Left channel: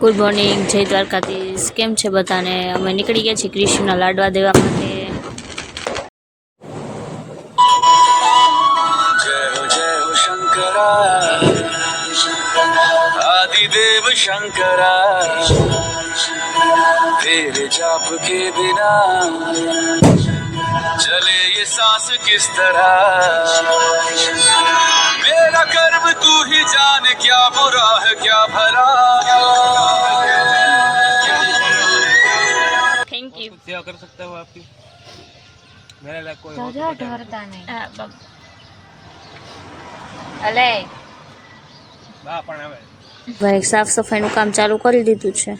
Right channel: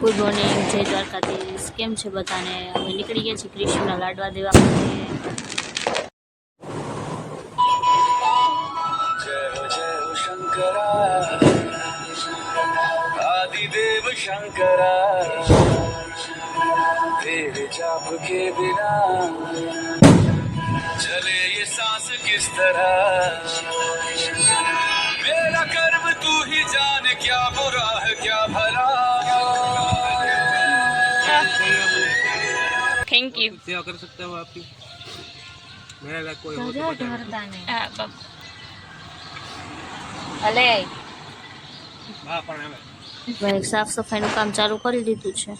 Good morning, जय द्वारकाधीश। केम छे बधाने? अमे निकળી ગયા છીએ કૃષ્ણના લાડવા દેવા માટે। जय हो शंकरा, आदिदेव शंकरा, तेरे जाप के बिना चले ये सांस किस तरह। मेरा कर्म तू ही जाने, क्या बुरा है क्या भला। Thank you. क्या कर सकते हो आपकी? मेरा लाइक कोई हो तो डरता नहीं। हां बाप अले બા પણ હવે ભાઈ સાફ સફાઈનું કામ ચાલુ કરી દીધું છે।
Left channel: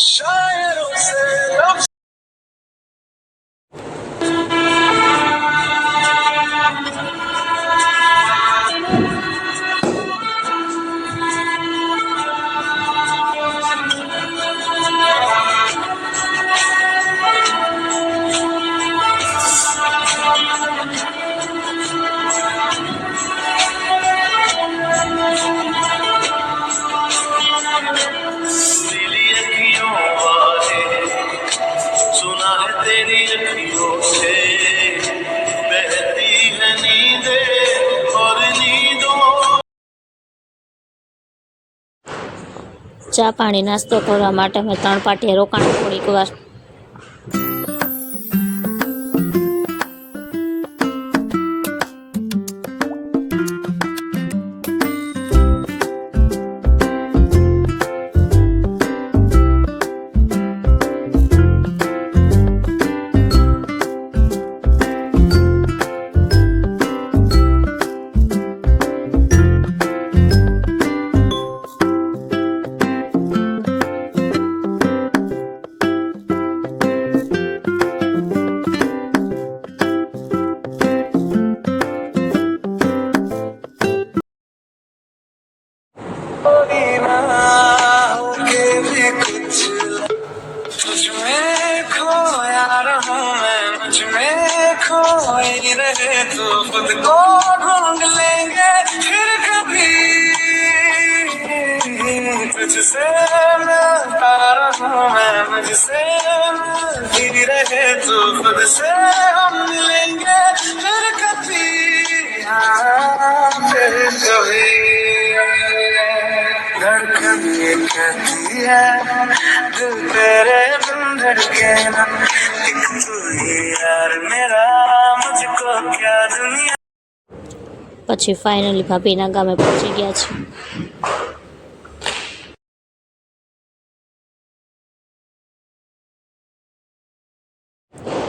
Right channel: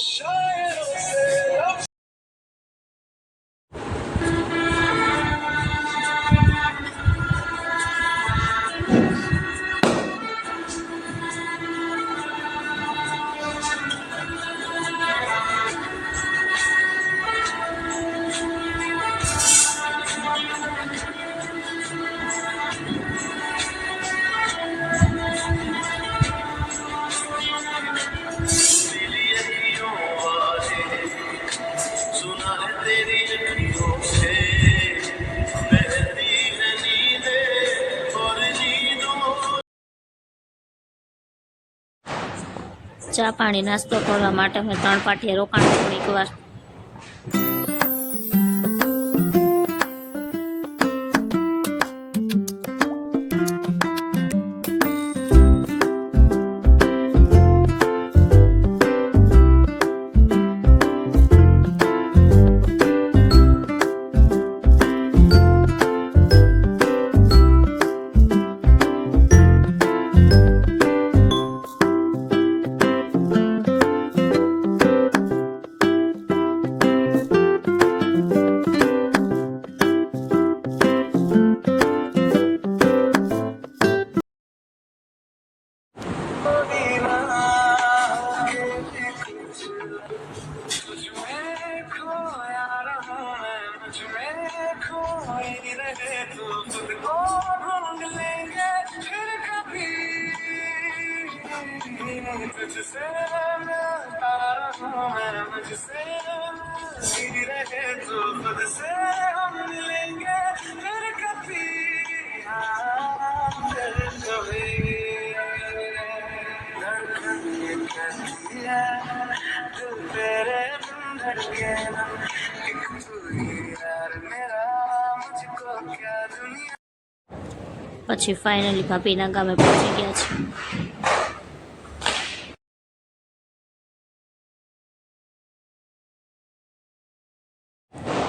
शायरों से लफ्ज दिली अखियों वाले, सुना है तेरी अखियों से बहती है नींदें और नींदों। ચા પાણી નાસ્તો કરવા માટે અમે 3 પાટીએ રોકાણ થોડીક વાર। खोई रहे तो खुद को ढूंढ लेंगे फिर कभी। तुझसे मिलता रहूं मैं, मुझसे मिलती रहे तो खुद से हम मिलेंगे फिर कभी। हाँ फिर कभी। धड़कन ये कहती है दिल तेरे बिन धड़के ना, एक तू ही यार मेरा, मुझको क्या दुनिया। પછી ફાઇનલી ભાભીના ગામે પહોંચી ગયા છે।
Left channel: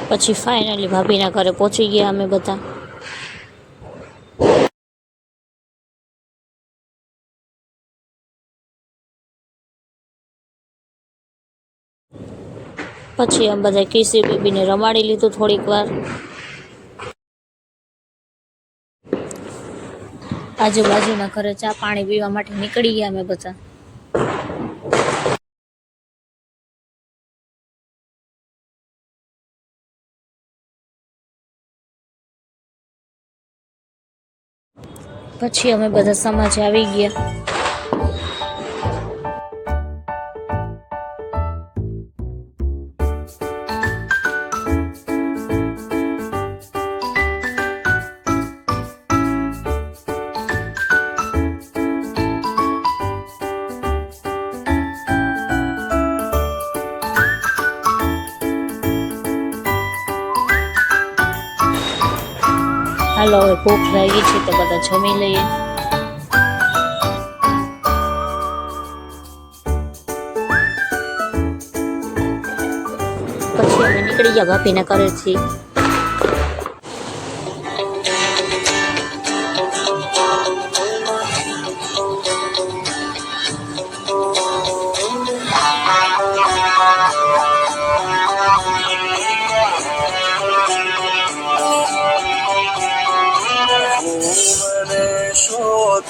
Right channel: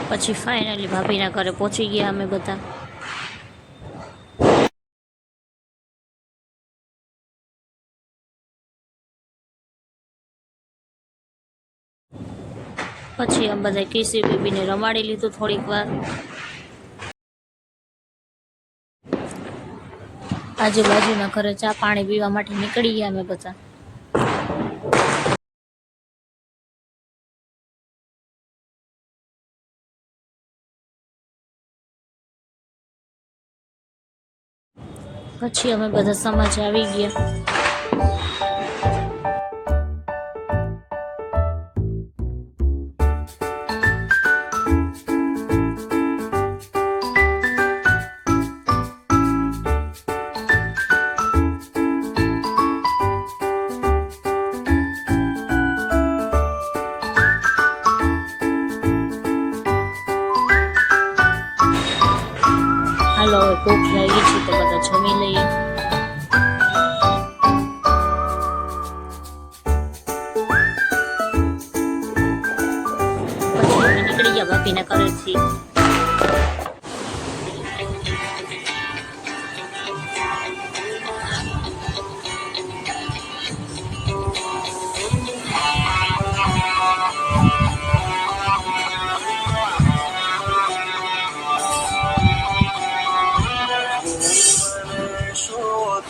પછી ફાઇનલી ભાભીના ઘરે પહોંચી ગયા અમે બધા। પછી અમે બધા કેસરી બેબીને રમાડી લીધું થોડીક વાર। આજુબાજુના ઘરે ચા પાણી પીવા માટે નીકળી ગયા અમે બધા। પછી અમે બધા સમાજે આવી ગયા। હાલો હવે ભૂખ લાગી છે તો બધા જમી લઈએ। પછી અમે નીકળી ગયા ભાભીના ઘરેથી।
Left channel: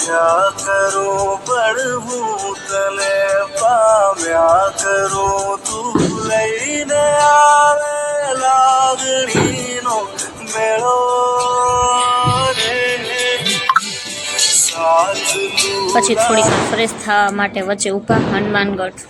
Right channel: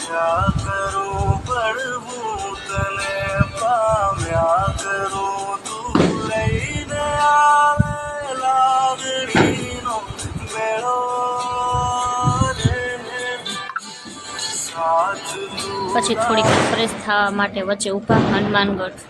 क्या करूं મળવું તને પામ્યા કરું તું લઈને આવે લાગણીનો મેળો રે સાથ પછી થોડીક ફ્રેશ થવા માટે વચ્ચે ઊભા હનુમાનગઢ.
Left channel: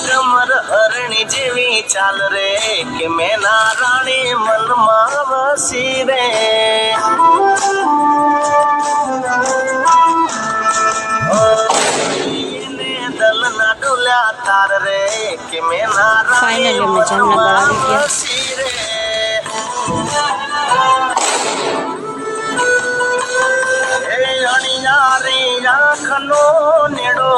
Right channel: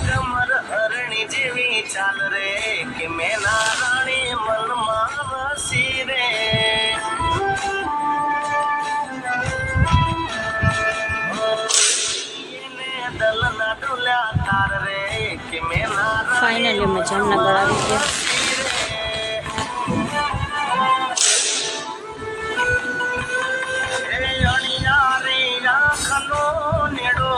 કમર હરણી જેવી ચાલ રે કે મેના રાણી મનમાં વસી રે દલના ડોલ્યા તાર રે કે મેના ફાઇનલી અમે જામનગર આવી ગયા. અણિયારી આંખનો નેડો